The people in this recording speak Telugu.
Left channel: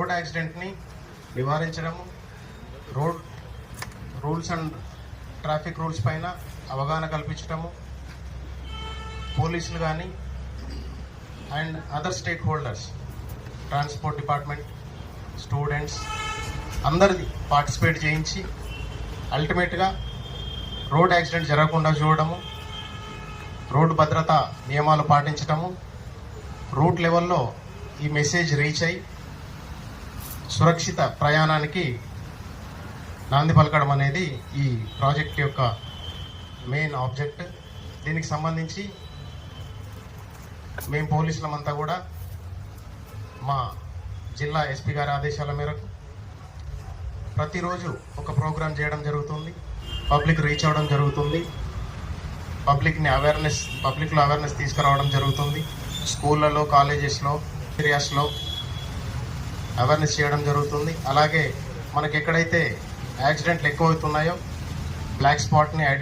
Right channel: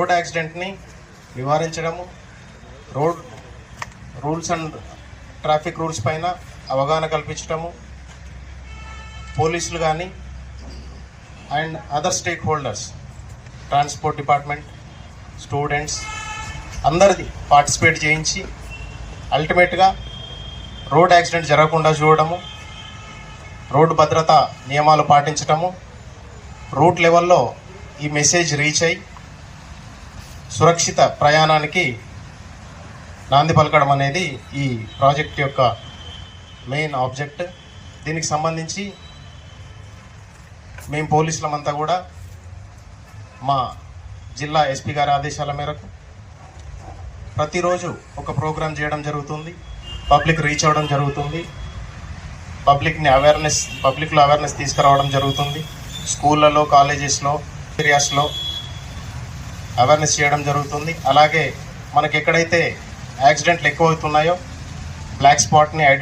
రోడ్ యాక్సిడెంట్ని నివారించడము, రూల్స్ అండ్ ట్రాఫిక్ రూల్స్ పైన అవగాహన కల్పించడము, పోలీసులు కానీ and other stakeholders, transport department, students అందరిది పార్టిసిపేట్ చేయించి అల్టిమేట్గా రోడ్ యాక్సిడెంట్ జరగకుండా చూడడము, రోడ్డు భద్రత నియమాలు పాటించటము, రూట్ లెవెల్లో ఈ మెసేజ్ రీచ్ అయ్యి సురక్షిత ప్రయాణానికి నాంది పలకడం అనేది ఈ ప్రాజెక్ట్ యొక్క మెయిన్ ఆబ్జెక్ట్. దీనికి సంబంధించి మేము పోలీసులమంతా కూడా మా జిల్లా ఎస్పీ గారి ఆదేశాల మేరకు ప్రతిరోజు ఒక ప్రోగ్రాం చేయడం జరుగుతుంది, పబ్లిక్ రీచ్ అవ్వడం జరుగుతుంది, పబ్లిక్లో అవేర్నెస్ తీసుకురావడం జరుగుతుంది. స్కూళ్ళలో, కాలేజెస్లో, ఏరియాస్లో అవేర్నెస్ చేయడం జరుగుతుంది. అలాగే మనకి ఎక్కడైతే యాక్సిడెంట్లు ఎక్కువ అవుతున్నాయో బ్లాక్ స్పాట్ని